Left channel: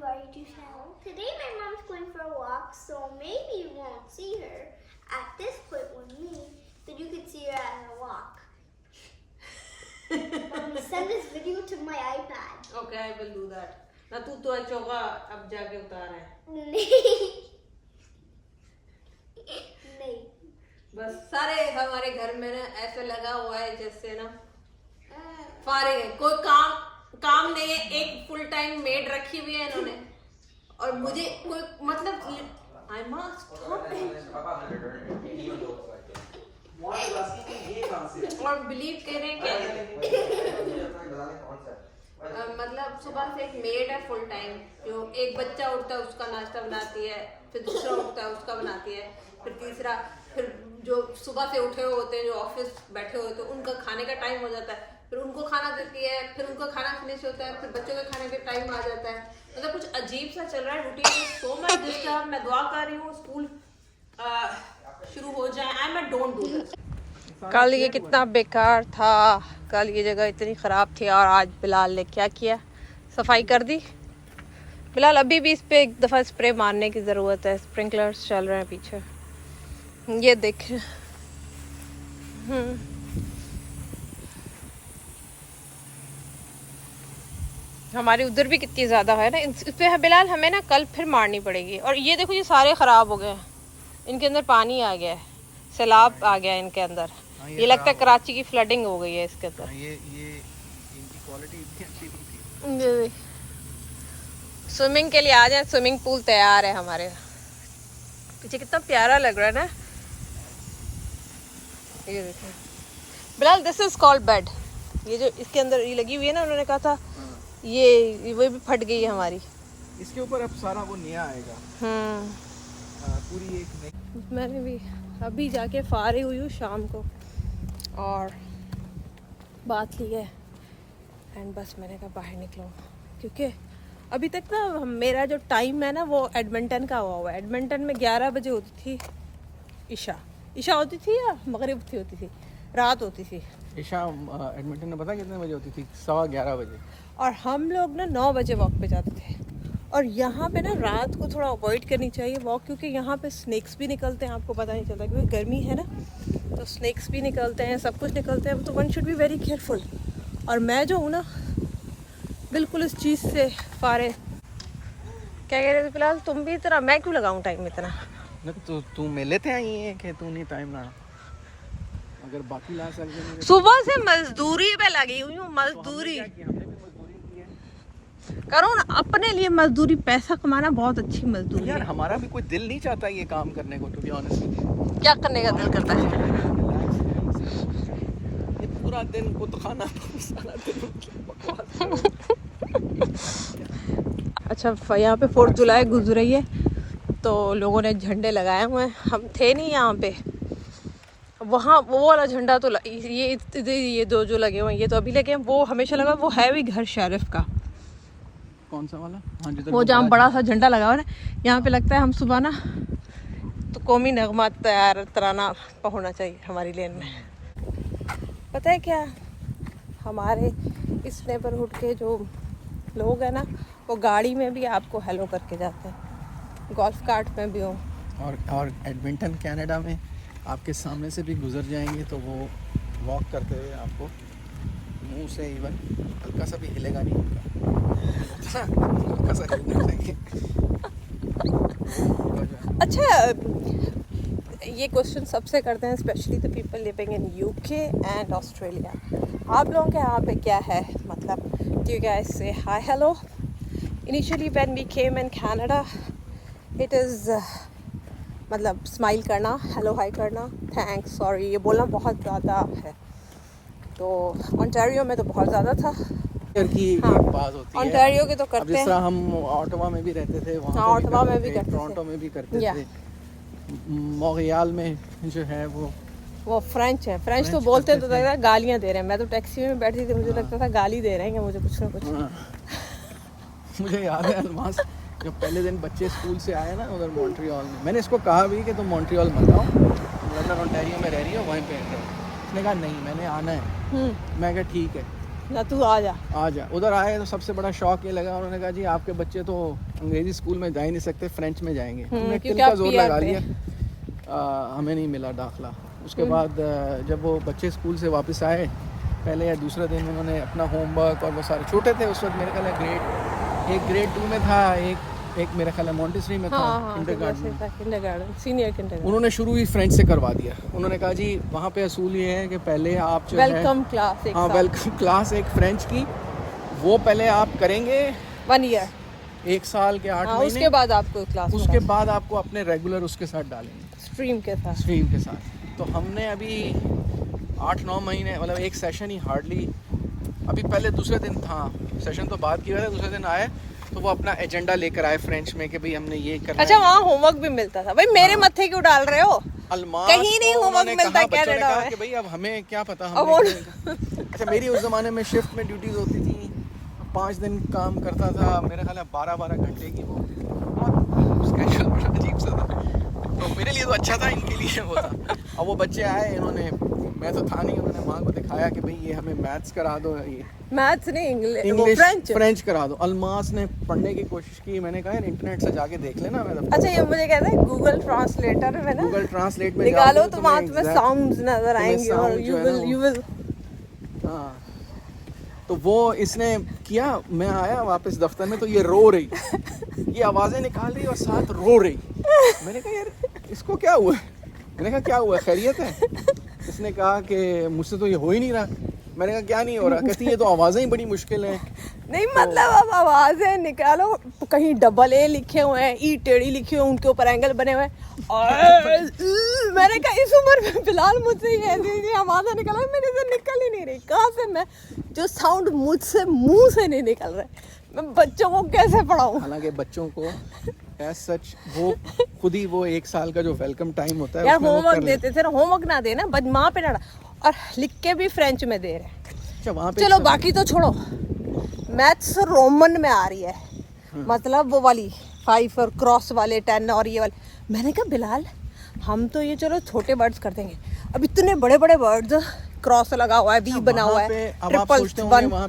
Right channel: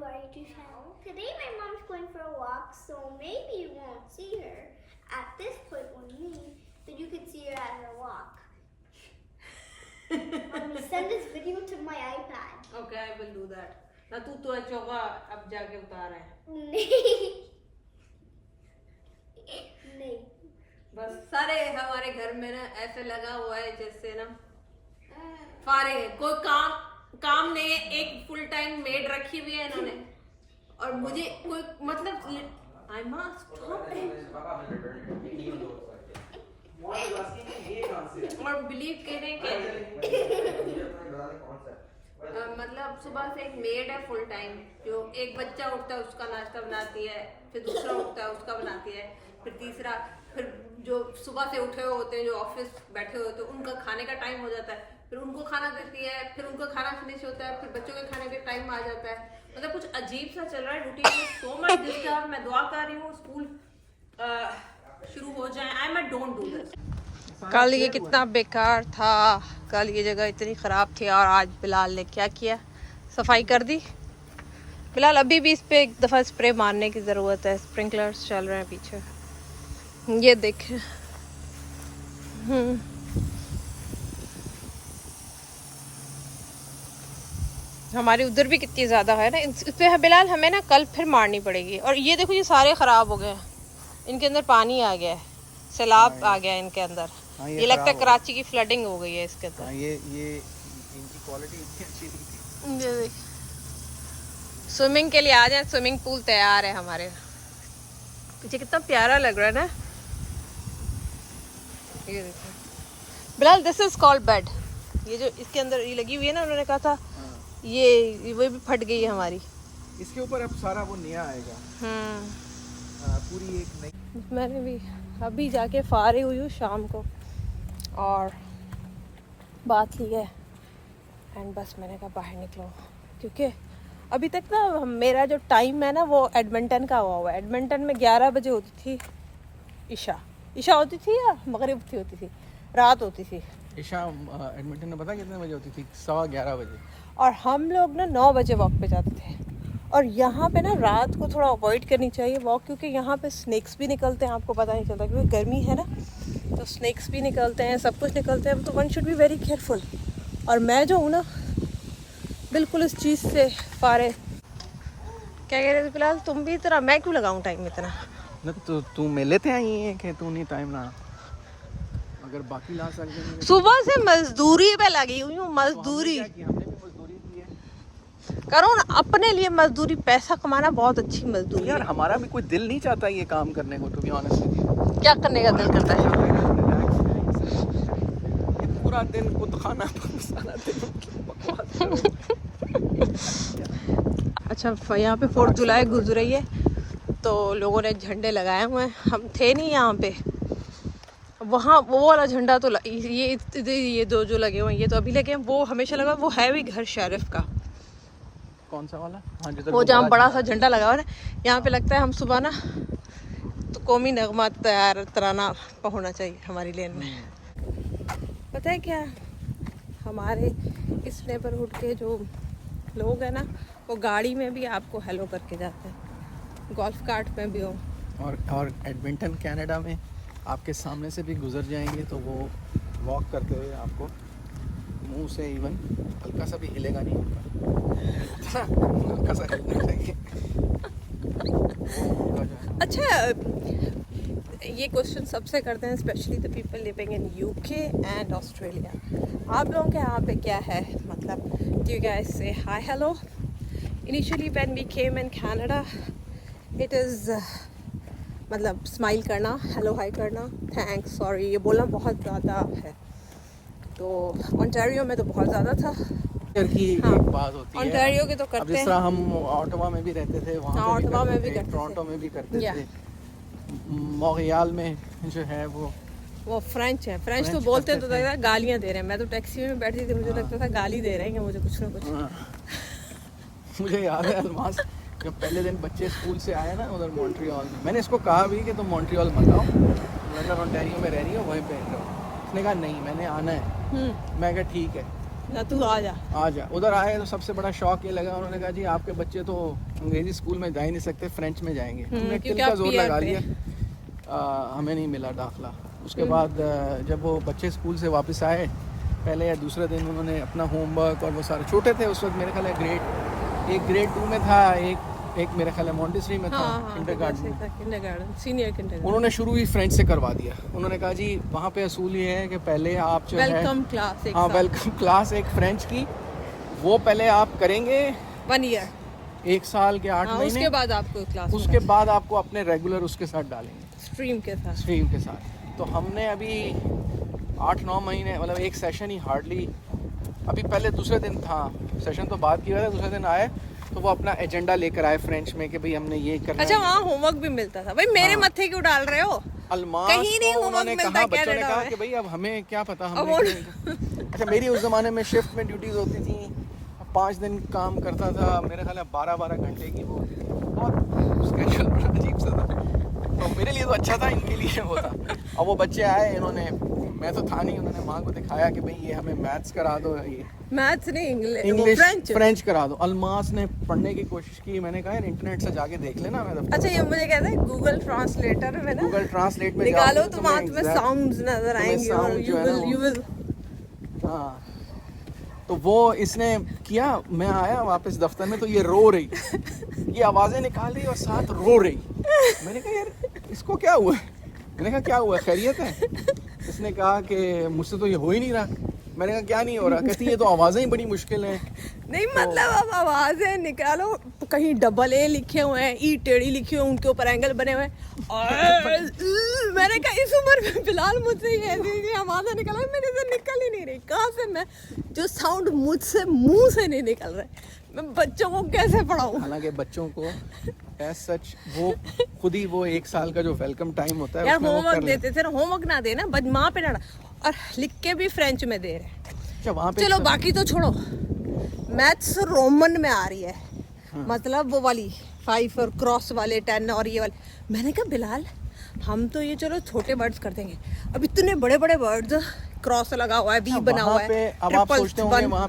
worry to channel. Today my mom's going for a walk, so maybe you won't see her at this point with me, but you can see her at her walk. Mommy, send this video to my iPad. Okay, I will do that. ना तू तो चौका अब जाके उतार है. नहीं. नहीं. बस सारे हमारे घर में ना ऐसे लगा हुआ है जैसे ना फारिग है, कोई काम नहीं है. एक फुल टाइम मेड रखी हुई है इन्होंने और मुझे कोई मतलब आई मस्ट और बिलीव करें कि मतलब सुबह से एक मेड है फुल टाइम, जो एक बच्चा उठता है उसका नाश्ता बनाती है, फिर दूसरा उठता है उसका बनाती है, फिर तीसरा, फिर जो सुबह से उठे हुए होते हैं जो ऑफिस बैठे हुए होते हैं उनका खाने का टाइम हो जाता है, फिर उनको खाना देती है, फिर उनका खाना फिनिश होता है, फिर बच्चों के खाने का टाइम आ जाता है. मतलब कुछ अजीब सा चल रहा है रूटीन. So much disturb. मैं दुआ कर रही हूँ स्कूल शुरू हो जाए. आई मैं डोंट डू दिस. कल ये कितना बेकार था, कल ये जगह इतनी ख़राब थी और आज बिलाल ने क्या किया, सफाई कर दी. बिलाल अभी भी इस पे एक दफ़ा स्प्रे मारने की ज़रूरत है. स्प्रिंकलर्स चल रहे हैं पीछे, ये देखें. हमारी उधर भी कितनी ज़्यादा है ना, इससे बिलाल हमें ना कल फिर मारनी पड़ेगी. और ये देखो ये सारे ख़राब हो गए हैं, इनके अंदर पानी आ गया है, सैलाब आ गया है इनके अंदर. ये लगता है कराची की फ्लडिंग हो गई है इसके अंदर. ये इनकी क्वालिटी इतनी अच्छी नहीं थी. स्विमिंग के लिए आ जाए, स्विमिंग पूल तैयार है हमारे पीछे. कितना प्यारा लग रहा है ना. ये देखो Bilal, this is called bed. ये जो इसके अंदर ये लगी हुई है ना, उन्होंने कहा था ये वो भी फट गई है हमारी. इसके ऊपर अब सारा वो नया आएगा. पूरी एक नई. मैंने भी अभी जाके फारिग हुई हूँ शाम को और बात ली है एंड बस मैंने कहा बाहर निकलो, क्योंकि अभी तक ना मेरा जो टाइम है ना वो एडमिंटन का हुआ है. एडमिंटन में 11 बजे होती थी ईशा होती थी या मगरिब होती थी, रात होती थी. ईशा एडमिंटन में पता कितने बजे होती थी? 11:15 बजे. और हम लोग ना 9 बजे वॉक पे जाते थे. और यहाँ पे ना रात को थोड़ा अवॉइड करनी चाहिए वॉक, क्योंकि यहाँ पे स्नेक्स भी निकलते हैं, आपको पता नहीं चलता, क्योंकि गर्मी है ना तो स्नेक्स भी निकलते हैं, सब कुछ निकलते हैं, तो one should be very careful. और मैं जो हूँ ना बिल्कुल इस चीज़ से फारे. क्या कह रहे थे फिलहाल तुम भी? इतना मैं क्यों लगाऊँ टाइम इतना? तो तू मेले थे आई है कि तू नहीं टाइम ना, अगर बाकी ला सकते. सुबह से मजदूरी पे लगी हुई हूँ. मजदूरी करो ना अपने लिए. मजदूरी, पैसा कमाना बहुत अच्छी मजदूरी है. हमारा भी कोई दिल नहीं चाहता ये काम करने को, टू बी ऑनेस्ट. क्या करने का दिल करता है? ये पूरा दिन खुद खाना सारा दिन बकवास. अच्छा, यहाँ पे 4th जुलाई गुजर रही है तो लोगों ने झंडे लगाए हुए हैं. हम थे नहीं यहाँ पे. वहाँ वो वाला झंडा तो ये दो जो लगे हुए हैं ये तो अभी लगे हैं. वो हमेशा लगा, वो है भी घर शरीफ का. कौन सा वाला? वो जहाँ बड़ा सा झंडा लगा हुआ है ना, यहाँ पे लगता है हम सुबह ना तो कौमी नगमा तैयार तराना होना चाहिए हमारी लेन में. पता है क्या, हमारे इस नेबरहुड के जो लोग हैं ना वो गाड़ी में भी आपको हेलो करके जाते हैं, गोल्फ कार्ट में भी हो. और एडमिंटन कनाडा में आपके सामने से भी गुजर जाएंगे तो वो वॉक करते हुए आपको मुंह से इवन हल्का सा भी हिलेगा नहीं उनका. हल्का सा अच्छा, ये क्वेश्चन सबसे करते हैं, specially the people living in UK and Australia. आप लोगों के यहाँ पे क्या है, मतलब do you guys say hi hello? Initially when we came in Canada it is मतलब स्माइल करना, हेलो हाय करना, थैंक्स, सॉरी, ये बोलना बहुत ज़्यादा है. तो ओंटारियो में तो बहुत ज़्यादा था. बात होती है ओंटारियो की तो करते हैं. हम ऑटोवा में भी रहते थे, हाँ, ऑटोवा में भी करते थे, टोरंटो में भी करते थे. मोंट्रियल में जो है वो फ्रेंच है. फ्रेंच तो बोलते हैं तो लगता है गालियाँ दे रहे हैं. मैं तो टैक्सी में बैठी थी, मुझे लगता था गाली दे रहे हैं मुझे कुछ ना कुछ. मुझे याद है अलमास, जब पहले दिन बच्चे स्कूल से आए ना उधर मॉन्ट्रियल में, मैंने इसको कहा भी कि तुम मॉन्ट्रियल मत आओ, तुम लंदन ओंटारियो में रह रही हो, वहीं पे रहो. उसने कहा नहीं मैंने आना है. मैं कहा ठीक है. ना तू आ जा। उधर आए तो सबसे बड़ा शौक ये लगा, उन्होंने कहा जी आपके बच्चे तो अंग्रेजी स्कूल में जा ही नहीं सकते, फ्रेंच में जाएंगे। हमने क्योंकि दिल का आप जोर PR लगा पे लिया, हमें नहीं मिला दाखला। उसके बाद जब वो बच्चे स्कूल से वापस आए, पहले या दूसरे दिन उन्होंने अपना होमवर्क और वो सारे, छोटे थे उस वक्त, मेरे ख्याल है ग्रेड 2 में था, एक मेरा ख्याल है मॉन्टेसरी में था, किंडरगार्टन, सीनियर किंडरगार्टन। उन्होंने शुरू ही फ्रेंच से करवा दिया। उन्होंने कहा जी वहाँ पे असूल ये है कि पहले आप जो वेलकम क्लास, हाँ वेलकम क्लास एक फ्रेंच की, वो पहले आप करेंगे 1 ईयर, 1 साल के 8 महीने, उसके बाद आपको क्लास, उसके बाद आपको अपने रेगुलर उसके साथ डालेंगे, स्ट्रीम के साथ। तो हमने अभी 8-9 महीने, मतलब एक सेशन ही हार्डली, अभी पहले दूसरे दिन था सेशन, तो बात की वजह दूसरे दिन आए तो वो अपना एजेंडा लेकर आए फ्रेंच में कि भाई हमने ये करना। अच्छा, वहाँ होमवर्क भी मिलता था भाई, मेरे मत्थे क्यों डाल रहे हो? अलमास कहीं नहीं होमवर्क मिलता है कनाडा में। कि भाई अब हमें क्या पता, अच्छा, मेरी उस जमाने में शिफ्ट में ड्यूटीज होती थी, 5 दिन काम करता था, मेरे ख्याल है 12-12 घंटे की वो बहुत स्पेशल अजीब सा था। तो मेरे लिए तो अच्छा था, इनके लिए वो था। अब वो बच्चे आए, इन्होंने, मैं तो था नहीं, उन्होंने माँ को दिखाया कि भाई ये हमें मैथ्स करा दो, ये मैथ्स नहीं, इंग्लिश फ्रेंच करा दो। अलमास ने पढ़ने की कोशिश की, मैंने कहा यार इंटरनेट से जाके देख लेना। अच्छा, ये मुझे कहते हैं गूगल ट्रांसलेटर में ना, गूगल ट्रांसलेट में निकालो तो वहाँ तुम्हें साउंड्स नजर आएंगे और यू विल हाँ। तो वो इसने किया, मैं आया वापस दफ्तर में तो ये रो रही, ये आवाजें निकाल रही और साथ रो रही। मैंने कहा यार इसको क्या हुआ, मैंने कहा क्या हुआ, खैरियत है? इसने कहा कि मुझसे तो ये हो ही नहीं रहा। मैंने कहा क्या नहीं हो रहा? कहती ये तो आवाजें ही बड़ी मुश्किल हैं। नहीं, मतलब अब आवाजें निकालो, कहीं डबल ए लिखे हुए हैं, ई टेढ़ी लिखी हुई, उनके ऊपर एंगल बने हुए हैं और मैंने कहा इस उम्र में फिलहाल मुझसे ये ऐसी आवाजें निकल, मेरे से निकल ही नहीं रही। कहाँ से मैं, जो साउंड मुझसे मुंह से नहीं निकल रहे, मैं बच्चों को कैसे पढ़ाऊं? हालांकि बच्चों को एज सच वो खुद ही वो 1 साल का जो वेलकम टाइम होता है यार होमवर्क देते थे, होमवर्क ना देना, बस माँ पे डाला, और लिख के भी फ्रेंच में दे रहे हैं। चलो बाकी तो छोड़ो, मैथ्स रोमन में आ रही है, मतलब वो वाली 5 और क्रॉस वाले 10 और ये वाले। मैंने कहा बिलाल, हम तो ये चलो छोटे वर्ड्स कर देंगे, अब इतने बड़े बड़े वर्ड्स, क्रॉस लगा हुआ है, बी बना हुआ है, अब आप सोचते होंगे वहाँ।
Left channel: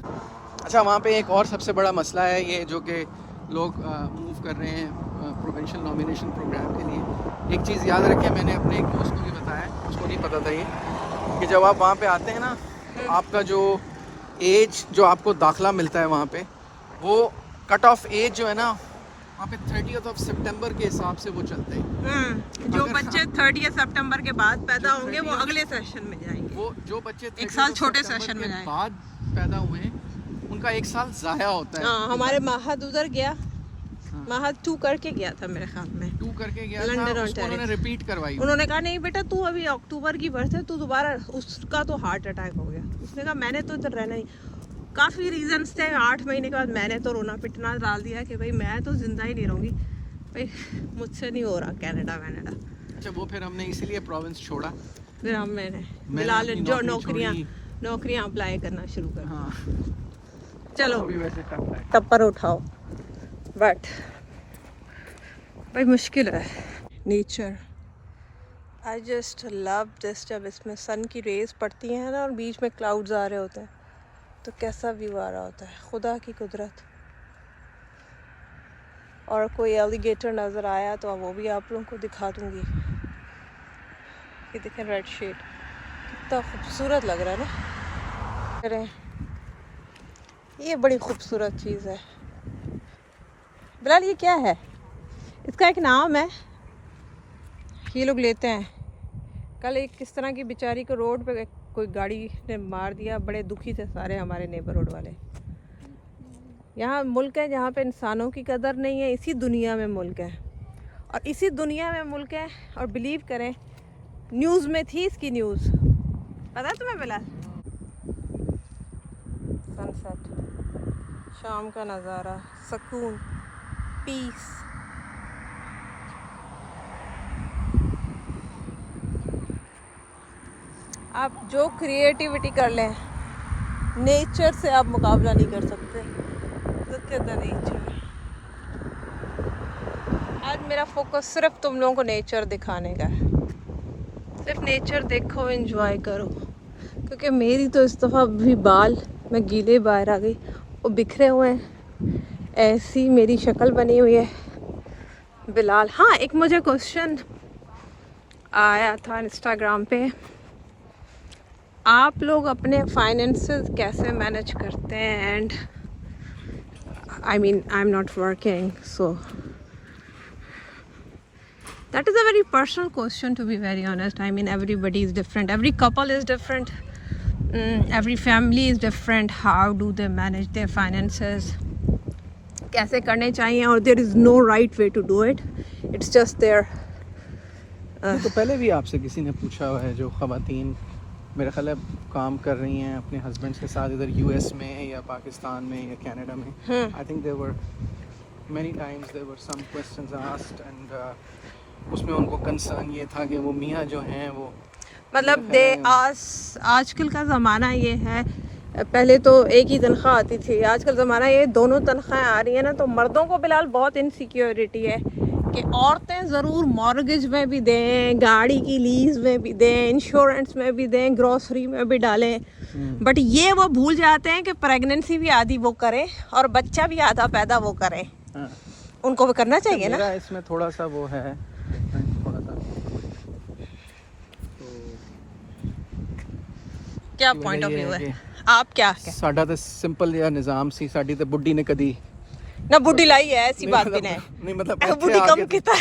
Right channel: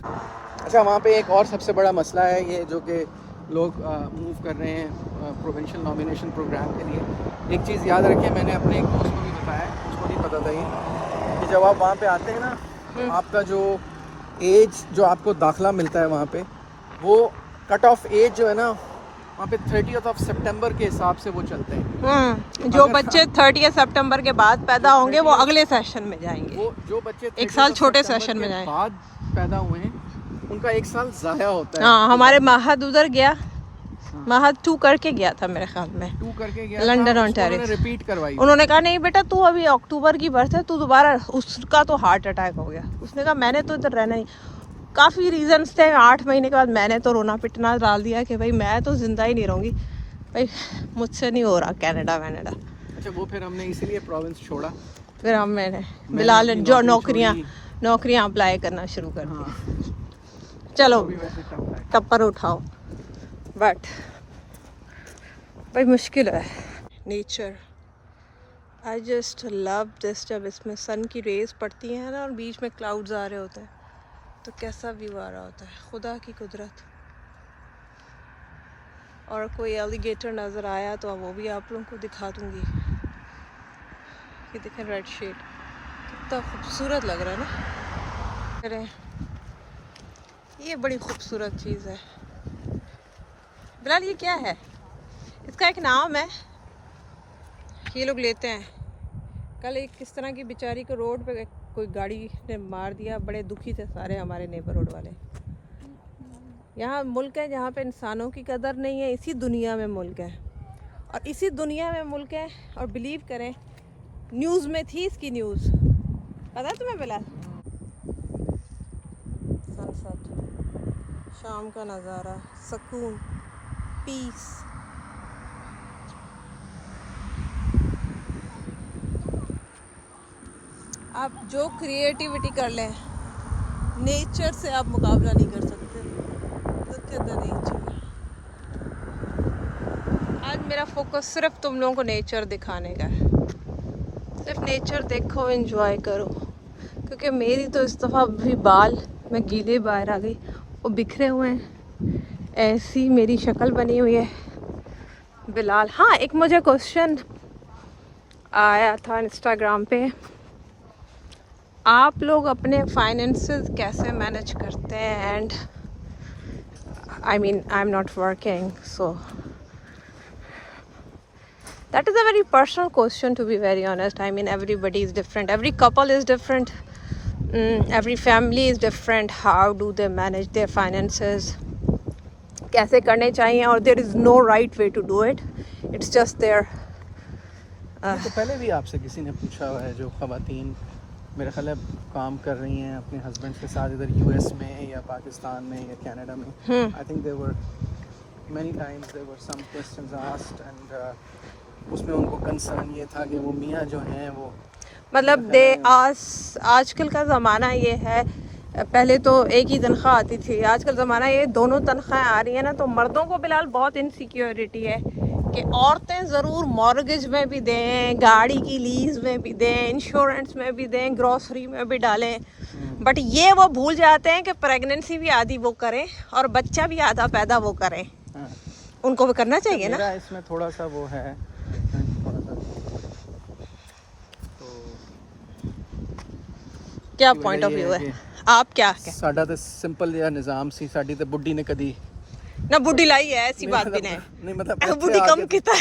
अच्छा, वहाँ पे एक और सबसे बड़ा मसला है ये, जो कि लोग मूव कर रहे हैं प्रोविंशियल नॉमिनेशन प्रोग्राम के लिए। एक चीज़ याद रखें, मैंने अपने एक दोस्त को भी बताया, उसको नहीं पता था ये, कि जब आप वहाँ पे आते हैं ना, तो आपका जो एज, जो आपको दाखला मिलता है वहाँ पे, वो कट ऑफ एज जो है ना, वहाँ पे 30 सितंबर के हिसाब से वो चलते हैं। जो बच्चे 30 सितंबर के बाद पैदा होंगे वो अगले सेशन में जाएंगे। वो जो बच्चे 1 साल छोटे सेशन में जाएंगे, बाद पैदा हुए हैं, उनका 1 साल ज़ाया होता है। हाँ, हमारे महद उधर गया, महद 2 करके गया था मेरे ख्याल में, 2 करके गया लंदन था, ओंटारियो। उन्होंने रिपीट करवाई। उन्होंने कहा नहीं बेटा, तू अभी अक्टूबर की बर्थ है, तू दोबारा, उसका तो हार्ट अटैक हो गया। उसने कहा मैंने तो इधर रहना ही, काफ़ी रीजंस थे। 8 महीने के बाद मैंने तो रोना पिटना डाल दिया कि भाई मैं तो जिंदा ही नहीं रहूँगी भाई, मुझसे नहीं हो रहा कनाडा वैनाडा। अच्छा, वो फिर हमने इसीलिए प्रोविंस छोड़ा, फिर मैंने बिलाल जो नौकरियाँ अप्लाई करना शुरू कर। हाँ, चलो वैसे टफ है। टप्पर उठाओ, बट भाई मुश्किल है। Nature, I just love this, जब इसमें सन की रेज पड़ती हैं ना और बीच में क्लाउड्स आ रहे होते हैं तो कैसा व्यू आ रहा होता है, खुदा की कुदरत। और कोई एलिगेटर नज़र आया तो वो भी आप लोगों को दिखा दूँगी। ये देखें रेड शेड, कितना खूबसूरत लग रहा है ना। करें, ये बड़ी खूबसूरत चीज़ है। बिलाल ये क्या है? इसका एक नाम है, ये लोग लेते हैं। कल एक किस तरह की बेचारी को रोड पे कोई गाड़ी ने मार दिया, बड़े दुखी थे सारे हमारे नेबरहुड वाले। यहाँ मुल्क है जहाँ पे इंसानों की कदर नहीं है, इसी दुनिया में मुल्क है, और इसी दुनिया में मुल्क है। और बिलीव करें, न्यूज़ में थी इसकी न्यूज़, पता है तुम्हें बिलाल? सनसेट, शाम का नज़ारा, सुकून, पीस। आप जो क्रिएटिविटी कर लें, नेचर से आप मुकाबला नहीं कर सकते। Look at the nature। आज मेरा फोकस सिर्फ तुम लोगों को नेचर दिखाने का है। सिर्फ नेचर देखो, एंजॉय करो, क्योंकि मेरी तो इस दफ़ा भी बाल मैं गीले बाहर आ गई, वो बिखरे हुए हैं, ऐसी मेरी शक्ल बनी हुई है। बिलाल, हाँ एक मुझे क्वेश्चन आया था इंस्टाग्राम पे, आप लोग अपने फाइनेंसेस कैसे मैनेज करते हैं? And I mean I am not working, so that is a very personal question, to be very honest. I mean, everybody is different, every couple is different, every family is different. How do they manage their finances? कैसे करने चाहिए? और there is no right way to do it, it's just their तो पहले भी आपसे किसी ने पूछा हुआ है, जो ख़वातीन मेरा ख्याल है काम कर रही हैं अपने हस्बैंड्स के साथ इधर यूएस में या पाकिस्तान में या कनाडा में, I think there were many times there were some questions asked and उसमें उनको कंसर्न ये था कि वो मियाँ जो हैं वो मतलब आजकल का ज़माना ये है, पहले तो एक ही तनख्वाह आती थी, आजकल ज़माना ये दोनों तनख्वाहें आ रही है ना, तो मर्दों को फिलहाल बहुत इनसिक्योरिटी है कि औरतें ज़रूर मॉर्गेज में भी दें, गाड़ी की लीज में भी दें, इंश्योरेंस में भी दें, ग्रोसरी में भी डालें, बट ये वो भूल जाते हैं कि प्रेगनेंसी भी आधी वो करें और बच्चा भी आधा पैदा वो करें। उनको भी करना चाहिए ना। इसमें थोड़ा सा वो है, क्या पॉइंट ऑफ व्यू है, आप क्या ਸਾਡਾ ਤੇ ਸਿੰਪਲ ਜਿਹਾ ਨਿਜ਼ਾਮ ਸੀ, ਸਾਡੀ ਤੇ ਬੁੱਢੀ ਨੇ ਕਦੀ ना बुढ़ी लाई है, ऐसी बात भी नहीं, मतलब बुढ़ी कम कितना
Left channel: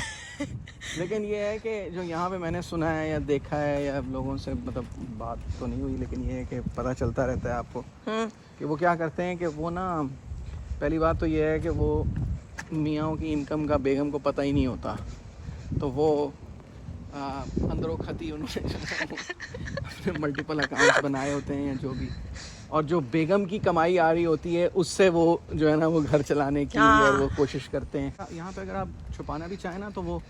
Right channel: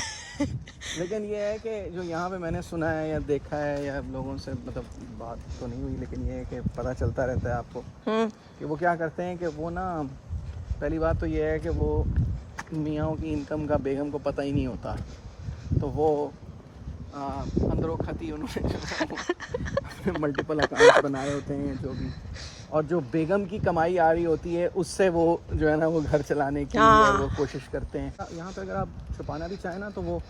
लेकिन ये है कि जो यहाँ पे मैंने सुना है या देखा है या लोगों से मतलब बात तो नहीं हुई, लेकिन ये है कि पता चलता रहता है आपको कि वो क्या करते हैं कि वो ना, पहली बात तो ये है कि वो मियाँ की इनकम का बेगम को पता ही नहीं होता, तो वो अंदरों खती उन्होंने अपने मल्टीपल अकाउंट्स बनाए होते हैं जो भी, और जो बेगम की कमाई आ रही होती है उससे वो जो है ना वो घर चलाने की वो कोशिश करते हैं। यहाँ पे अगर आप छुपाना भी चाहें ना तो वो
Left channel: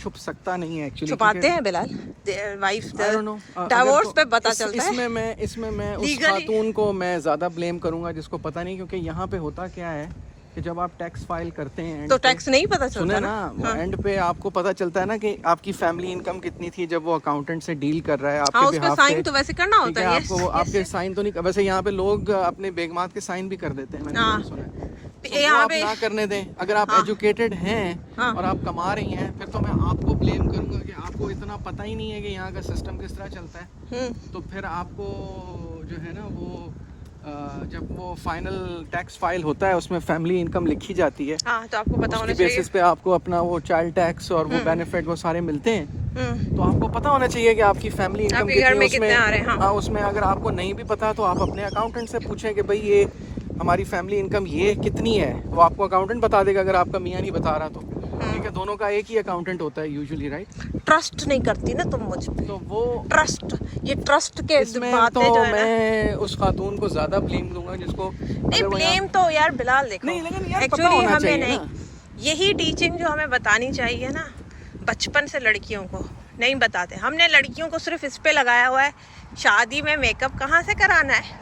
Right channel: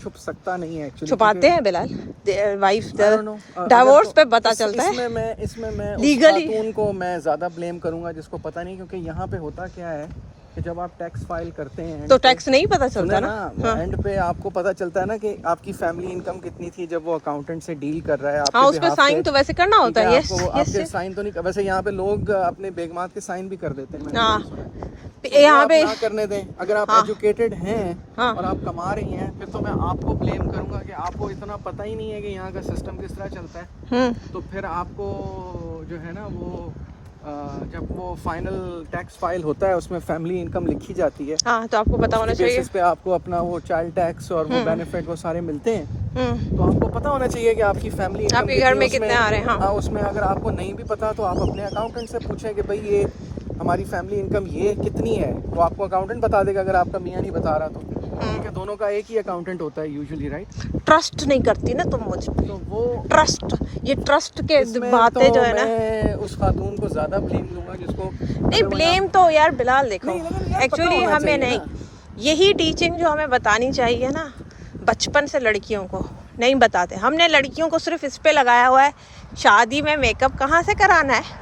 छुप सकता नहीं है एक्चुअली। छुपाते हैं बिलाल, वाइफ डिवोर्स पे पता चलता है। इसमें मैं उस खातून को मैं ज़्यादा ब्लेम करूँगा जिसको पता नहीं, क्योंकि यहाँ पे होता क्या है कि जब आप टैक्स फाइल करते हैं तो टैक्स नहीं पता चलता ना, एंड पे आपको पता चलता है ना कि आपकी फैमिली इनकम कितनी थी जब वो अकाउंटेंट से डील कर रहा है। हाँ, उस पे साइन तो वैसे करना होता है, आपके साइन तो नहीं, वैसे यहाँ पे लोग अपने बेगमात के साइन भी कर देते हैं, यहाँ पे ना करने दें। अगर आप एजुकेटेड हैं और आप कमा रही हैं, फिर तो मैं आपको ब्लेम करूंगा कि आपको इतना पता ही नहीं है कि यहाँ का सिस्टम किस तरह चलता है। तो फिर आपको जो है ना वो जब वो फाइनल टैक्स फाइल होता है उसमें फैमिली इनकम लिखी जाती है, तो आपको पता होना चाहिए, बेसिस पे आपको अपना वो चाइल्ड टैक्स और वो बेनिफिट वो सारे मिलते हैं, तो आपको पता होना चाहिए कि आपकी फैमिली इनकम आपके घर में कितने आ रहे हैं। उसमें अगर आपको नहीं भी पता तो आप अपने अकाउंटेंट से पूछें कि भाई ये हमारी फैमिली इनकम ये कितनी है, वो आपको अकाउंटेंट बता देगा अगर आपका मियाँ नहीं बता रहा तो। ठीक है, दोनों का एक ही अकाउंटेंट होता है यूजुअली, राइट। ट्रस्ट नहीं करती ना तुम मुझ पे, तो वो ट्रस्ट, ये ट्रस्ट के बातें तो जो है ना, मैं उस खातून को ज्यादा ब्लेम दूंगा जिसको नहीं ब्लेम तो यार बिलाल देखो, एक्चुअली हमें नहीं, यही टीचिंग जो हमें बतानी चाहिए ना बचपन से लड़कियों को नहीं बताते। हमने लड़कियों को सिर्फ इस पे लगाया हुआ है शादी में मेकअप कहाँ से कराना है,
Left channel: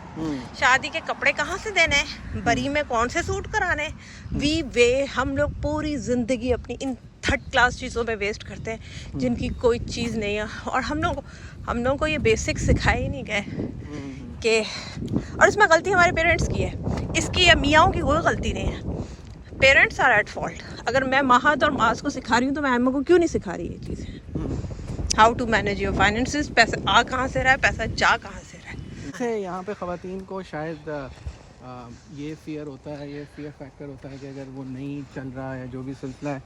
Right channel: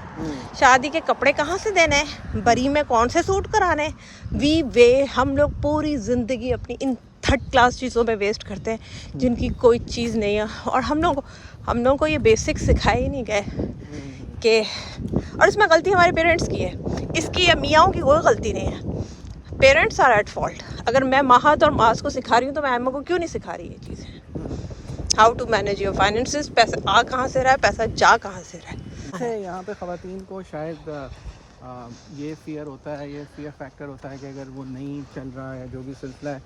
शादी के कपड़े कहाँ से देने हैं, बरी में कौन से सूट कराने हैं। हम लोग पूरी ज़िंदगी अपनी इन थर्ड क्लास चीज़ों में वेस्ट करते हैं जिनकी कोई चीज़ नहीं है, और हम लोग को ये बेसिक सिखाए ही नहीं गए कि, और इसमें गलती हमारे पेरेंट्स की है, इसकी या मियाँओं की कोई गलती नहीं है। Parents are at fault. अगर मैं महद और मास को सिखा रही हूँ तो मैं अम्मा को क्यों नहीं सिखा रही ये चीज़ें, how to manage your finances, पैसा आ कहाँ से रहा है, पैसा जा कहाँ से रहा है। यहाँ पे ख़वातीन को शायद ये फियर होता है, ये फियर फैक्टर होता है कि अगर वो नहीं चल रहा है जो भी सिलसिला है,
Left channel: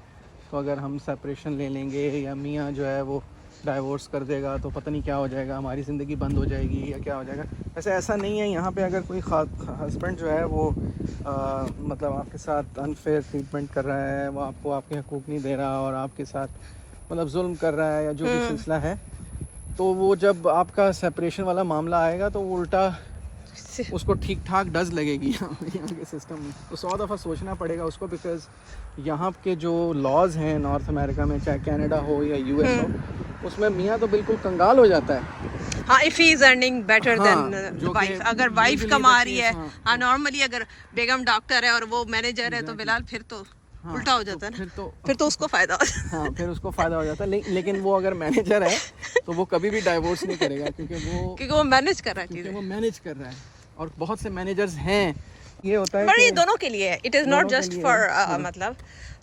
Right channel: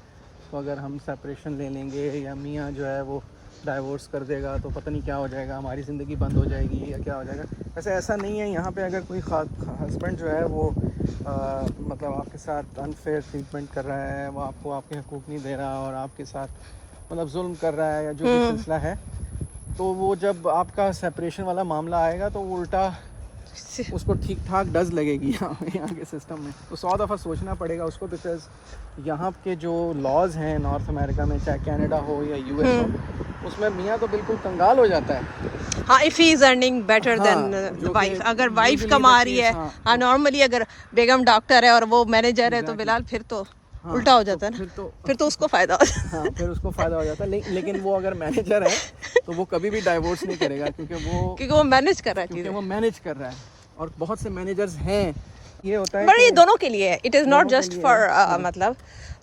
तो अगर हम सेपरेशन ले लेंगे या मियाँ जो है वो डाइवोर्स कर देगा तो पता नहीं क्या हो जाएगा, हमारी ज़िंदगी बंद हो जाएगी या क्या हो जाएगा। ऐसा नहीं है। यहाँ पे अगर कोई हस्बैंड जो है वो मतलब आपके साथ अनफेयर ट्रीटमेंट कर रहा है, वो आपको आपके हकूक़ नहीं दे रहा और आपके साथ मतलब जुल्म कर रहा है या जो भी सिलसिला है, तो वो जब आपका सेपरेशन वाला मामला आएगा तो वो उल्टा उसको ठीक ठाक डज लगेगी यहाँ के सिस्टम में। तो 100 दफ़ा सोचना पड़ेगा उसको, बिकॉज यहाँ के जो लॉज हैं नॉर्थ अमेरिका में, चाहे कनाडा हो या यूएस हो, उसमें मियाँ तो बिल्कुल कंगाल हो जाता है। हाँ, if he is earning better than wife, अगर वाइफ कमा रही है, हाँ नॉर्मली अगर बेगम डॉक्टर है और वो मैनेजर है तो बिलाल फिर तो उल्टा हो जाता है ना, फिर तो उसको फायदा हो जाता है। हाँ, फिर उसको फायदा हो जाता है। लेकिन वो अगर मैनेजर है तो वो कभी भी डाइवोर्स नहीं करेगा, क्योंकि वो मैनेज कर रहा है, क्योंकि वो मैनेज कर रहा है। और बहुत से मैनेजर्स हैं, ये होता है पर ये कि दोनों के लिए है, इट इज़ नॉट दोनों के जस्ट लिए फॉर है। मतलब,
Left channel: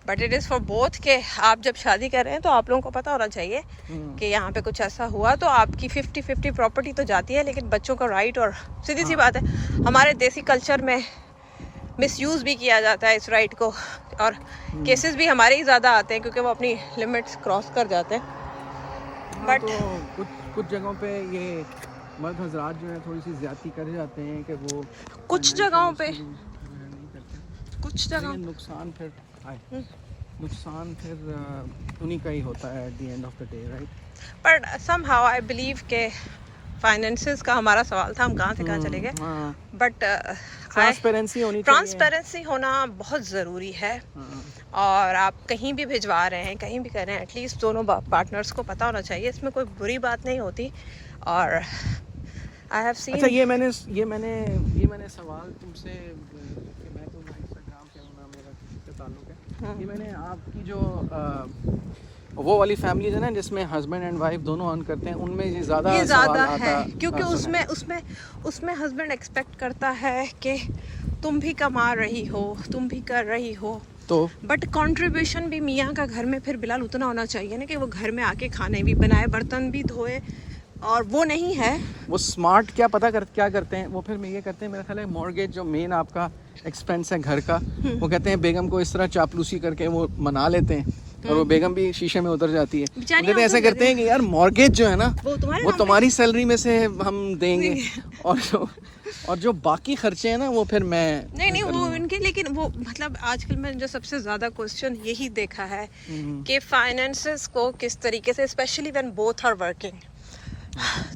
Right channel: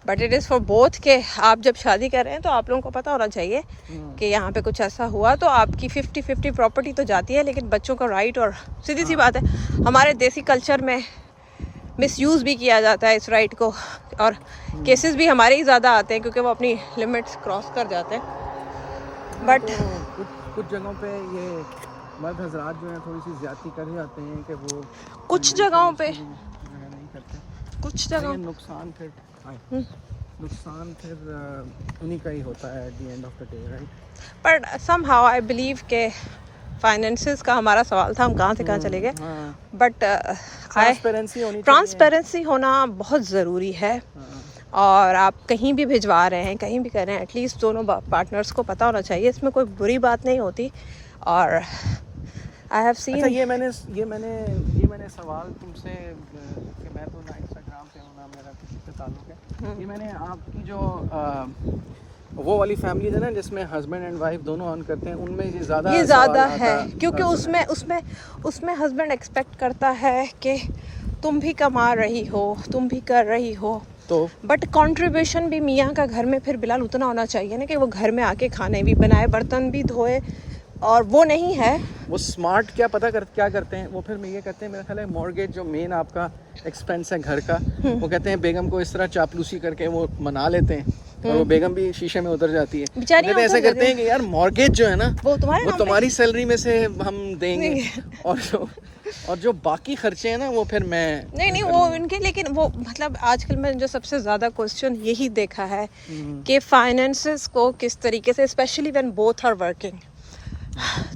but it is for both के आप जब शादी कर रहे हैं तो आप लोगों को पता होना चाहिए कि यहाँ पे कुछ ऐसा हुआ तो आपकी 50-50 प्रॉपर्टी तो जाती है, लेकिन बच्चों का राइट, और सीधी सी बात है हमारे देसी कल्चर में मिसयूज़ भी किया जाता है इस राइट को, और केसेस भी हमारे ही ज़्यादा आते हैं क्योंकि वो अपनी लिमिट्स क्रॉस कर जाते हैं। बट तो कुछ जगहों पे ये मर्द हजरात जो हैं थोड़ी सी ज्यादती कर जाते हैं कि वो कुछ जगहों पे जो है नहीं करते, कुछ जगह लेकिन नुकसान फिर उन्हीं का ही होता है at the end of the day, right? पर समहाउ आई बिलीव के फाइनेंसेस का हमारा सवाल था, हम कहाँ से कहाँ चले गए, बट ट्रांसपेरेंसी होनी चाहिए। ट्रांसपेरेंसी होना बहुत ज़रूरी है। और आप कहीं भी भिजवा रहे हैं, कहीं भी कर रहे हैं, एटलीस्ट दोनों पार्टनर्स को पता होना चाहिए, इसमें कोई बुरी बात नहीं होती। और आई हैव सीन, अच्छा ये मैंने सवाल तुमसे कि मैं तो ना इंस्टाग्राम पे हूँ ना मेरा किसी से ताल्लुक है, ये मैंने आपकी जो वो वाली फैमिली है ना जिसमें हस्बैंड एंड वाइफ दोनों अर्न करते हैं, उनमें ये ज़्यादा है क्योंकि उसमें हस्बैंड एक्सपेक्ट करता है कि तुम भी कमा रही हो, तुम भी कर रही हो, तो बट कंट्रीब्यूशन भी मियाँ का घर में फिर बिलाल उतना होना चाहिए ना कि वो घर में आके खाने भी बनाए, बर्तन भी धोए, और वो नहीं है। वो स्मार्ट क्या करते हैं वो, फिर मैं ये कहते हैं, मेरा ख्याल है मॉर्गेज जो मेन आपका एक्सपेंस है घर का, वो कहते हैं बेगम को इस तरह चापलूसी करके वो मना लेते हैं और वो बेगम भी शीशे में उतर जाती है। बेचारी कहते हैं ऐसा करते हैं कि यार मॉर्गेज जो है ना वो वो तुम्हारी सैलरी में से हम देंगे और जो बाकी खर्चे हैं ना वो फिर मैं नहीं वो इनके, लेकिन वो मतलब आजकल मैंने जो सबसे ज़्यादा क्वेश्चन यही देखा है कि फाइनेंसेस को किस तरीके से, specially when both are working,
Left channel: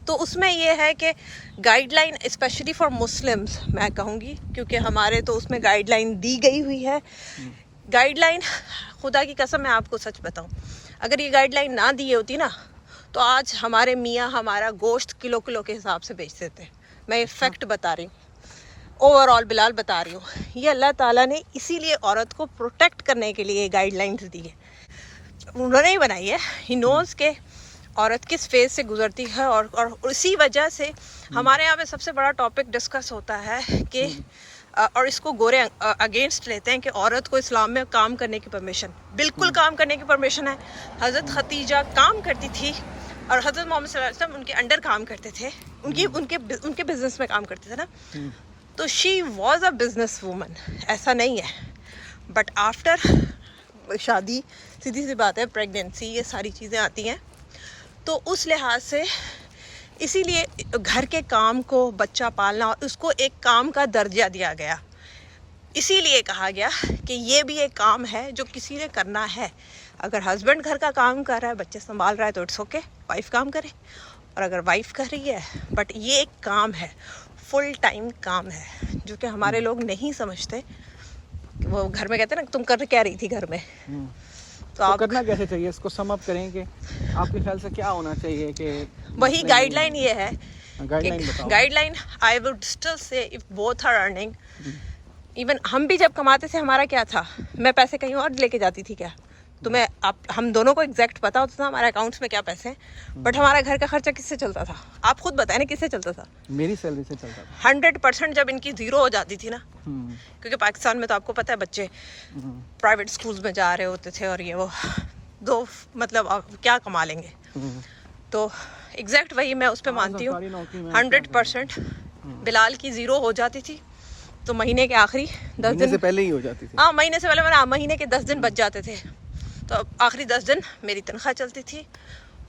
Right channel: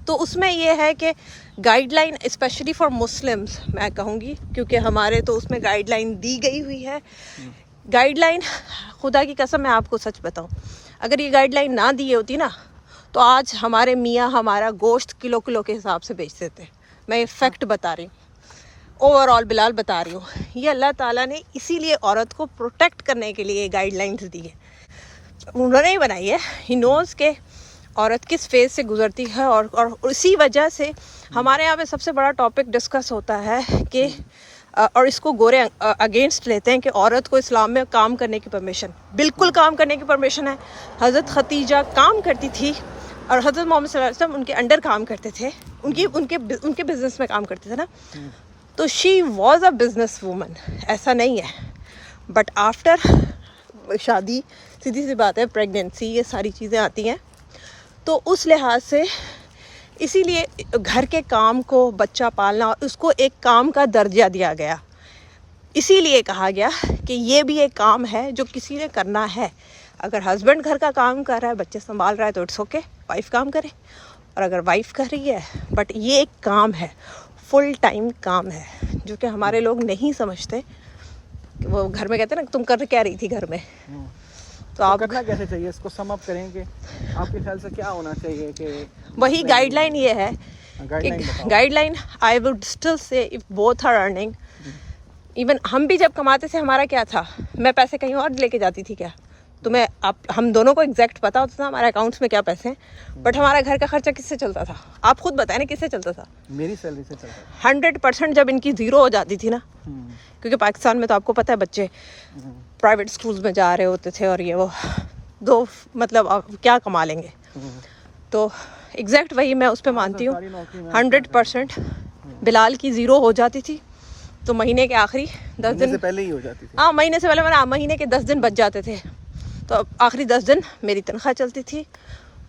तो उसमें ये है कि गाइडलाइन स्पेशली फॉर मुस्लिम्स मैं कहूँगी, क्योंकि हमारे तो उसमें गाइडलाइन दी गई हुई है। गाइडलाइन, खुदा की कसम मैं आपको सच बताऊँ, अगर ये गाइडलाइन ना दी होती ना तो आज हमारे मियाँ हमारा गोश्त किलो के हिसाब से बेच देते। मैं ये फैक्ट बता रही हूँ, ओवरऑल बिलाल बता रही हूँ। ये अल्लाह ताला ने इसीलिए औरत को प्रोटेक्ट करने के लिए गाइडलाइंस दी है, उन्होंने ही बनाई है। ही नोज़ के औरत किस फेज से गुजरती है, और इसी वजह से हमारे यहाँ पे सबसे बड़ा टॉपिक डिस्कस होता है कि और इसको गोरे अगेंस्ट लेते हैं कि औरत को इस्लाम में काम करने की परमिशन, बिल्कुल काम करने की परमिशन है। हज़रत खतीजा काम करती थी और हज़रत मोहम्मद सल्लल्लाहु अलैहि वसल्लम उनके अंडर काम करते थे, उनके बिजनेस में काम करते थे ना, तो she was a business woman, ऐसा नहीं है। बट आफ्टर शादी सीधी सी बात है, प्रेगनेंसी, ये सारी चीज़ें आती हैं, तो उस लिहाज से इसीलिए घर के काम को, बच्चा पालना, उसको एक काम का दर्जा दिया गया। इसीलिए कहा गया कि ये भी एक काम है जो किसी ने करना है। अगर हस्बैंड घर का काम कर रहा है, बच्चे संभाल रहा है, तो इट्स ओके, वाइफ काम करे। और अगर वाइफ कर रही है, बट ये एक काम है, फुल टाइम काम है, जो कि हमारे लोग नहीं समझते। वो घर में कहते हैं ना, तुम कर क्या रही थी घर में, तो आप करना कैसे चाहिए, इसको सम अप करें कि आपके ख्याल से क्या होना चाहिए कि वही गाइडलाइन ये है। Guideline guideline I would still say if both are earning, even हम भी जब कमाते थे, हमारा क्या था, मैं पैसे कहीं और लेके जाती थी क्या, तुम्हें हम दोनों को एग्जैक्ट पता होता था हमारे अकाउंट्स में क्या पैसे हैं, बट हमारा घर का खर्चा किससे चलता था, आप खुद बताएं ना, किससे चलता था? मेरी सैलरी से चलता है। 100% जब इनकी ज़ीरो हो जाती थी ना, क्योंकि पाकिस्तान में तो आपको पता है बच्चे प्राइवेट स्कूल्स में जा रहे होते थे और ये वो दो मतलब क्या कमा लेंगे, तो एग्जैक्ट वही मैं उस पर मानती हूँ। 100% बिलाल की ज़ीरो हो जाती थी, तो महीने के आखिरी 10 दिन से पहले ही हो जाती थी। हाँ, महीने से पहले मैंने महीने के 10 दिन बच जाते थे, तो आखिरी 10 दिन मेरी तनख्वाह चलती थी।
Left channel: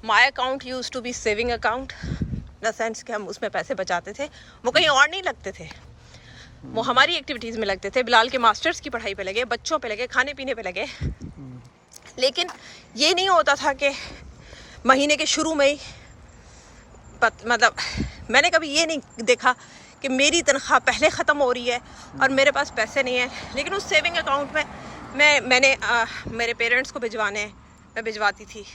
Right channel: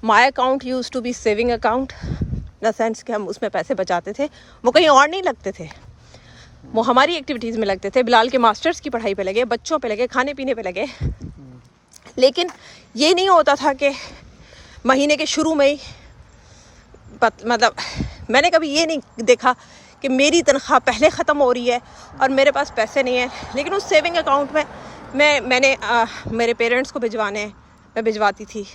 My account use to be saving account, in the sense कि हम उसमें पैसे बचाते थे, वो कहीं और नहीं लगते थे, वो हमारी एक्टिविटीज़ में लगते थे। बिलाल के मास्टर्स की पढ़ाई पे लगे, बच्चों पे लगे, खाने पीने पे लगे। लेकिन ये नहीं होता था कि महीने के शुरू में ही मतलब मैंने कभी ये नहीं देखा कि मेरी तनख्वाह पहले ख़त्म हो रही है और मेरे पास पैसे नहीं है। लेकिन उस सेविंग अकाउंट में मैंने मेरे पेरेंट्स को भिजवाने हैं, मैं भिजवाती थी,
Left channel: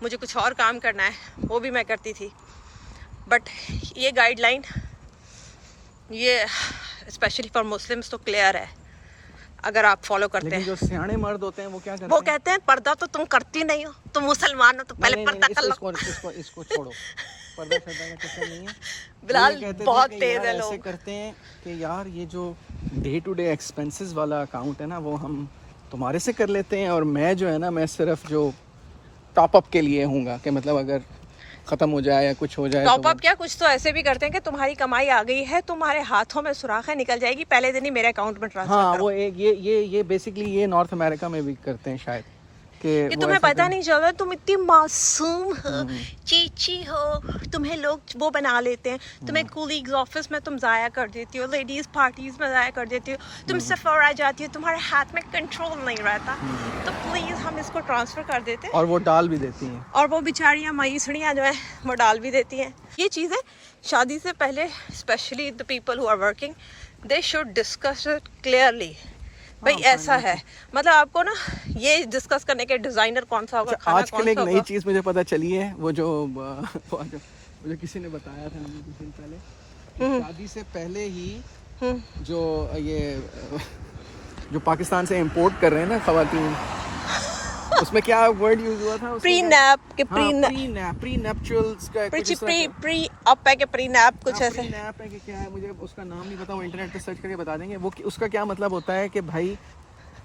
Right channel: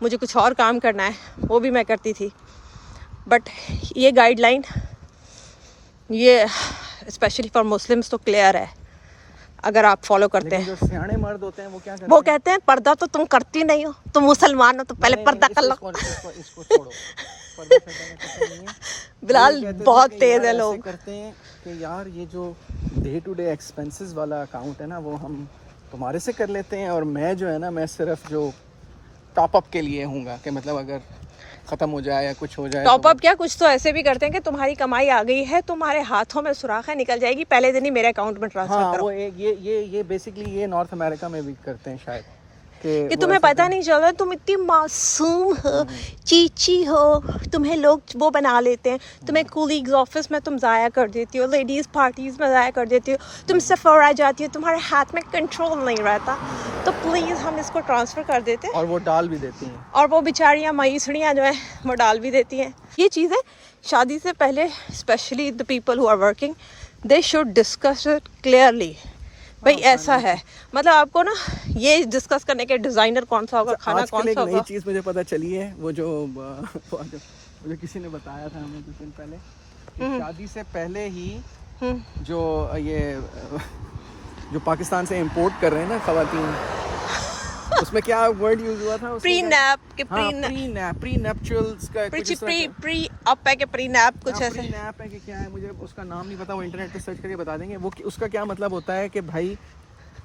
मुझे कुछ और काम करना है वो भी मैं करती थी। बट ये गाइडलाइन ये स्पेशली फॉर मुस्लिम्स तो क्लियर है, अगर आप फॉलो करते हैं। जो सियाने मर्द होते हैं वो क्या करते वो कहते हैं पर्दा तो तुम करती नहीं हो, तुम मुसलमान हो तो पहले पर्दा कर लो। इसको छोड़ो, पर्दा शर्दा का कुछ नहीं है। बिलाल ये कहते थे बहुत कि तेज यार है ऐसे लोग। करते हैं कि यार ये जो डे टू डे एक्सपेंसेस वाला अकाउंट है ना वो हम तुम्हारे से कर लेते हैं, और मैं जो है ना मैं सिर्फ जो टॉप अप के लिए हूँगा कि मतलब अगर ख़त्म हो जाए या कुछ हो जाए टॉप तो अप क्या, कुछ तो ऐसे भी करते हैं कि तुम्हारी कमाई आ गई है, तुम्हारे हाथों में सुराख है, निकल जाएगी, पहले दिन ही मेरे अकाउंट में ट्रांसफर हाँ करो। वो एक ये बेसिकली ये नॉर्थ अमेरिका में भी करते हैं शायद कि ये वो तुम्हें ऐसा पता नहीं चल रहा, तुम इतनी मासूम हो, चीची हो, तुम्हें लोग वो बना लेते हैं, तुम्हें कलीग्स ऑफिस में तुम ज़ाया कर देती हो, लेडीज़ पार्टीज में ज़ाया कर देती हो, तुम सफर आ जाती हो, तुम्हारे हाथ में कंट्रोल नहीं रहता, तो प्लीज़ हम इसको ट्रांसफ़र कर देते हैं। और वो डाल भी देती हैं। और वो बेचारियाँ मईसड़ियाँ जो हैं वो डाल भी देती हैं। ये चीज़ें शादी से पहले specially the people who are working they should discuss it clearly. भाई ऐसा है, मतलब आपको ना ये डिस्कस करने के डिज़ाइनर कौन सा होगा, खाना आजकल कौन एक सा नई होगा। चीज़ मुझे पता चली है, वो जो मुझे किसी ने बताया था हमें कुछ दिन पहले कि शादी से पहले ही जो ये जो पाकिस्तान से इंपोर्ट कर रहे हैं ना खवातीन, उसमें क्या वर्ड यूज हुआ था प्री नैप के प्री नैप्चुरल्स का कुछ इस तरह का- प्री अप है के प्री नैप कुछ हाँ, ऐसे। प्री-नैप है कि क्या है, मुझे उसका नाम नहीं पता, वो इंटरनेट पे सर्च करके बता देंगे। वो उसका क्या मतलब होता है कि भाई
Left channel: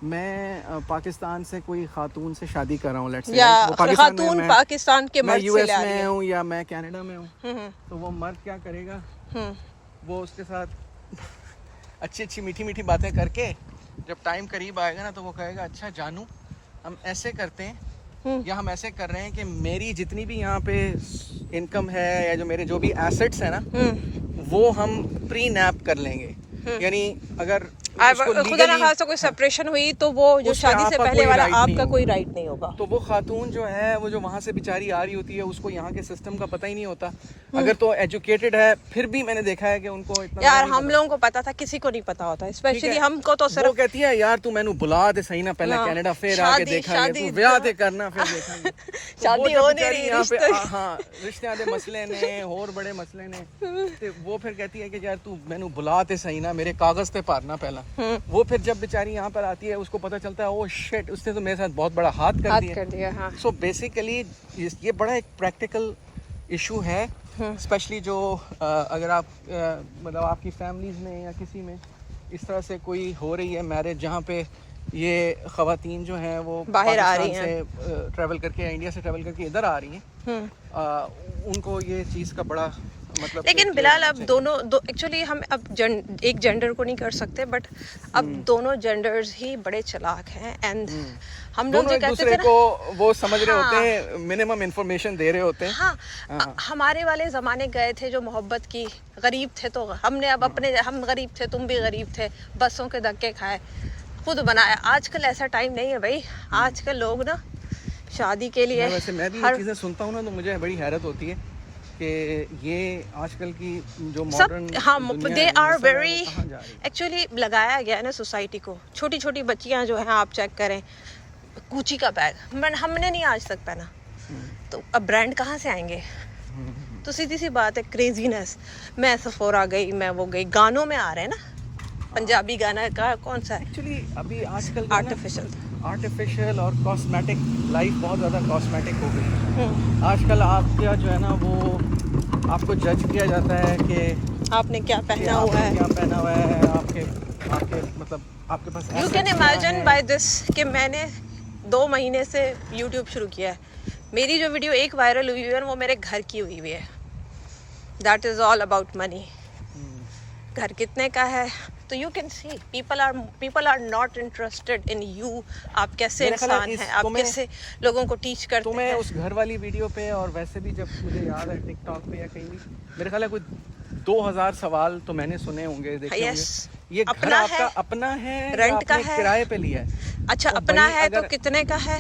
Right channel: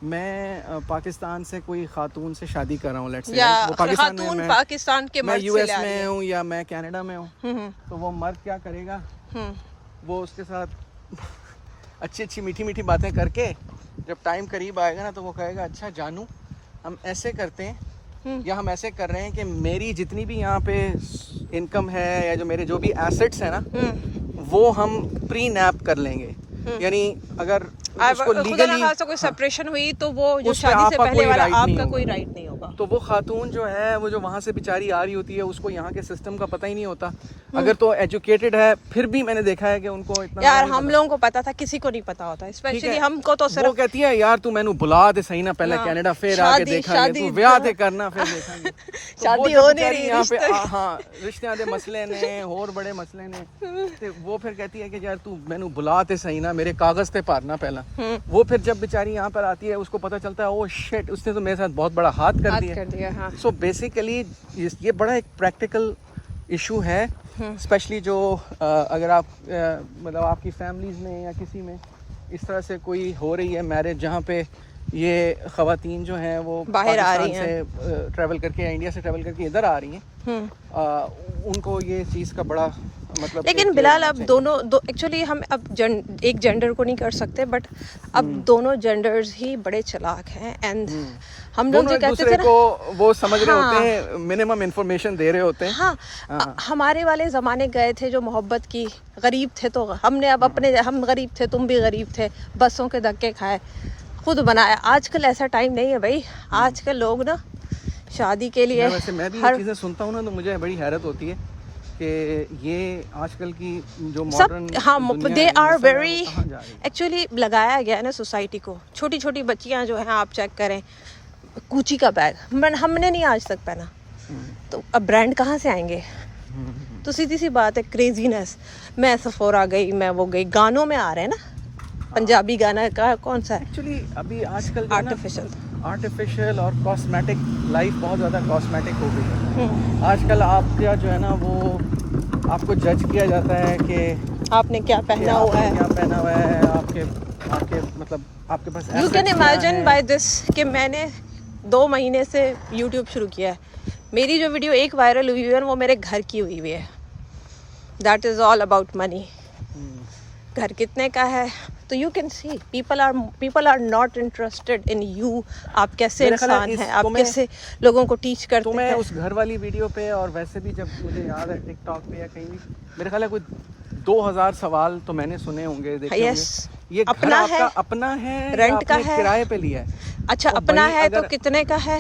मैं पाकिस्तान से कोई खातून से शादी कर रहा हूँ, लेट्स से या वो पाकिस्तान में खातून मैं- पाकिस्तान के मैं मर्द से यूएस ले आ रही में है। हूँ या मैं कनाडा में हूँ, हम्म, तो वो मर्द क्या करेगा, हम्म। वो उसके साथ अच्छी अच्छी मीठी मीठी बातें करके जब टाइम करीब आएगा ना तो वो कहेगा अच्छा जानू हम ऐसे करते हैं या हम ऐसे कर रहे हैं कि मेरी जितनी भी यहाँ पे इनकम है या जो मेरे जो भी एसेट्स हैं ना वो हम प्री नैप कर लेंगे। यानी अगर उसको खुदा ना legally- खासा कोई सेपरेशन हुई तो वो जो उसका शादी से आपका पहले कोई वाला right नहीं आपका होगा। कोई राइट नहीं होगा। तो वो खातून जो है वो जो वहाँ से बेचारी आ रही होती है उसको यहाँ के सिस्टम का पता ही नहीं होता। अगर तो एजुकेटेड है फिर भी मैंने देखा है कि उनको इतना यार नहीं हम पता। लोगों को पता था, किसी को नहीं पता होता, ठीक स्पेशली है। हमको तो वो सिर्फ कहती है यार तू मैनू बुला दे सही ना पहले हाँ, कनाडा फिर शादी- आके देखेंगे, शादी तू ब्याह ते करना फिर देखेंगे। तो शादी वो जो होने बेचारी नहीं, यहाँ पे रिश्ते- हाँ रिश्ते दे मसले ने और बड़े मसले ने, तो वो फिर कहती है कि यार तू मैनू बुला ते सही ना, मेरे कागज ते भरना पहला। वो फिर जब बेचारी यहाँ पर आती है उसको पता चलता है ओ शिट उसने तो मेरे साथ बहुत बड़ा हाथ कर बात दिया। कर दिया। हाँ, सो बेसिकली ये बड़ा एक प्रैक्टिकल इशू है, स्पेशली जो अगर आप मतलब आपकी फैमिलीज में या किसी में इस तरह से कोई हो रही है मैरिज जहाँ पे ये ख़वातीन जो हैं वो बाहर आ पाकिस्तान रही से ट्रैवल करके या इंडिया से ट्रैवल करके इधर आ रही हैं, उनको ये चीज़ का बड़ा मतलब लेकिन बिलाल अब दोनों एक्चुअली हम अब एक जेंडर को नहीं कर सकते, बट अब दोनों जेंडर्स ही बड़े चालाक हैं एंड हम लोग दोनों जो एक कहते दूसरे थे को ना, वो समझ रहे हाँ। होते हैं, मिनिमम इंफॉर्मेशन दे रहे होते हैं। हाँ, हमारे वाले ज़माने गए थे जो मोहब्बत की, गरीब थे तो हमने अब अपने, हम गरीब थे तुम भी गरीब थे, बसों के धक्के खाए, खुद बनाया। आजकल ऐसा टाइम नहीं है भाई, आजकल लोग ना शादी के लिए वैसे मैं भी ये हर चीज़ें सुनता हूँ ना तो मुझे बड़ी हैरत होती है कि ये आजकल की जो सब मॉडर्न हाँ दे आर वेरी कहाँ जा रही है? एक्चुअली लगाया गया है ना सोसाइटी को। छोटी छोटी बच्चियां जो हैं आप चेक करें, कूची का बैग हमने नहीं आज तक पहना, तो अब ब्रांड कहाँ से आएंगे। तो सीधी सी बात है, क्रेजीनेस, मैं सफोरा गई, मैं वो गई, गानों में आ रहे हैं ना, पंजाबी गाना का कौन सा है, एक्चुअली अभी आजकल आर्टिफिशियल और कॉस्मेटिक लाइफ बहुत ज़्यादा कॉस्मेटिक हो गई है। आजकल आपका जो है ना वो आपको जज किया जाता है कि आपने क्या पहना हुआ आपने है। क्या पहना हुआ है, आपके मतलब आपके पास you can imagine by this कि मैंने 2 महीने से यूट्यूब शुरू किया है, मेरी जो वीडियो एक वायरल हुई है वो मेरे घर की हुई है। That is all about money. घर कितने का है, तो you can see people are not interested in you, आप कैसे मेरा ख्याल है इंसान इस- हैं, आप तुम्हें- कैसे लोगों को टीच तो करते मैं हैं। उस घर वाली वीडियो पे और वैसे भी जब मुझे याद है टिकटॉक पे या कहीं भी मेरे ख्याल है कोई 2000 सवाल तो मैंने सुने होंगे, देखे Yes, होंगे। ये घर अपना आपका है, अपना है, रेंट का आपने है, किराए पे लिया है। अच्छा तो अपना भाई है तो अगर- कितने का है।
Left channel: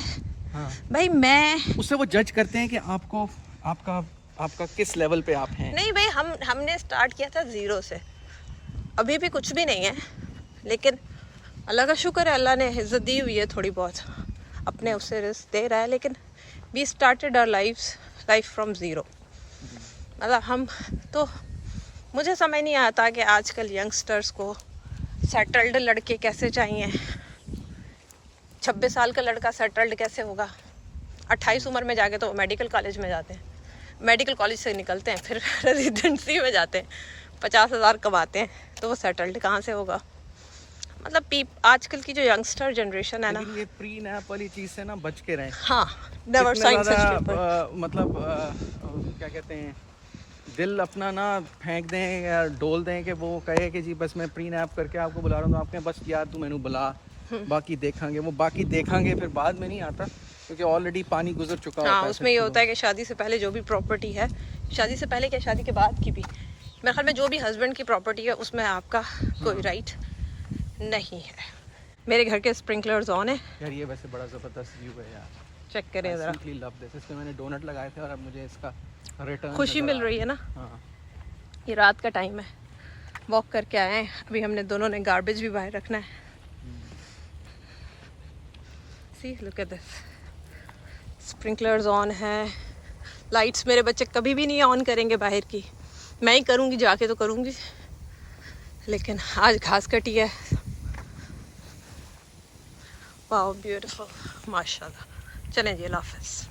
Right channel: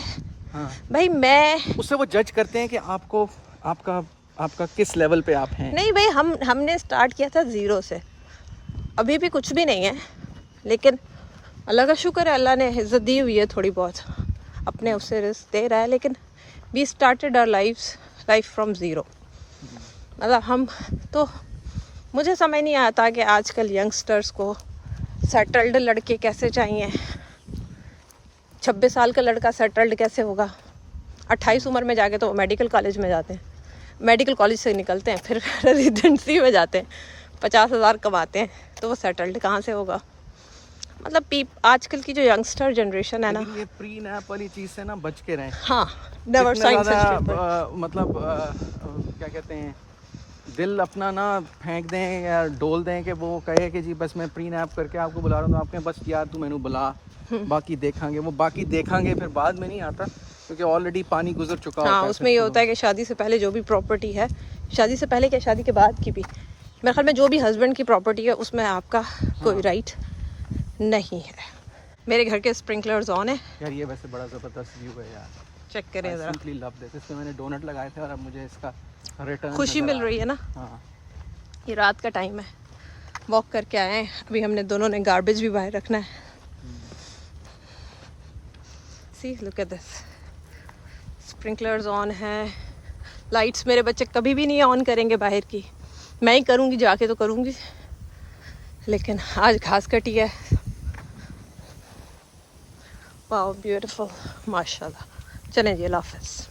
हाँ, भाई मैं उससे वो जज करते हैं कि आपका किस लेवल पे आप हैं। नहीं भाई, हमने स्टार्ट किया था 0 से, अभी भी कुछ भी नहीं है, लेकिन अल्लाह का शुक्र है, अल्लाह ने इज्जत दी हुई है थोड़ी बहुत, अपने उससे रिस्क दे रहा है। लेकिन we started our life from 0। मतलब हम तो, मुझे समझ नहीं आता कि आजकल यंगस्टर्स को सेटल्ड लड़के कैसे चाहिए। 26 साल का लड़का सेटल्ड कैसे होगा? 28 उम्र में जाके तो मेडिकल कॉलेज में जाते हैं, मेडिकल कॉलेज से निकलते हैं फिर रेजिडेंसी में जाते हैं, 50,000 कमाते हैं, तो वो सेटल्ड कहाँ से होगा। मतलब आजकल की जो यंगस्टर जनरेशन है ना, लेकिन ये प्री नैप वाली चीज से ना बच के रहें। हाँ, नेवर इतना साइन ज़्यादा, सच मतलब क्या कहते हैं, दिल अपना ना फेंक दें या डोल दें कि वो कहे कि जी बस मैं प्री नैप करके आपको बुला रहा हूँ, आपके बस यार तू मैंने बुला, बाकी देखेंगे। वो बाकी देखेंगे फिर बाद में नहीं आता, क्योंकि ऑलरेडी पानी गुजर चुका होता हाँ, है। उसमें ये होता है कि शादी से पहले जो भी प्रॉपर्टी है, शादी से पहले क्या शादी के बाद की भी, मेरे ख्याल में जो भी हस्बैंड की प्रॉपर्टी है उसमें आपका कोई राइट नहीं है। मेरे घर के स्प्रिंकलर्स ऑन है, यार ये वैसे बड़ा ज़बरदस्त व्यू है यार, चेक करें ज़रा। Simply love this. इसमें मैंने डोनट लगाए थे और अब मुझे इसका रिटर्न खुशी मिल रही है ना। हाँ। ये रात का टाइम है, वॉक करके आए हैं, अभी हमने दोनों ने गार्बेज भी बाहर रखना है। See look at this, sprinklers on है। लाइट्स मेरे बच्चे कभी भी नहीं ऑन करेंगे बाहर की, मैं ही करूँगी जाके तो करूँगी, लेकिन आज घास कटी है। वाओ ब्यूटीफुल, माशाल्लाह। चलें जी, अल्लाह हाफ़िज़।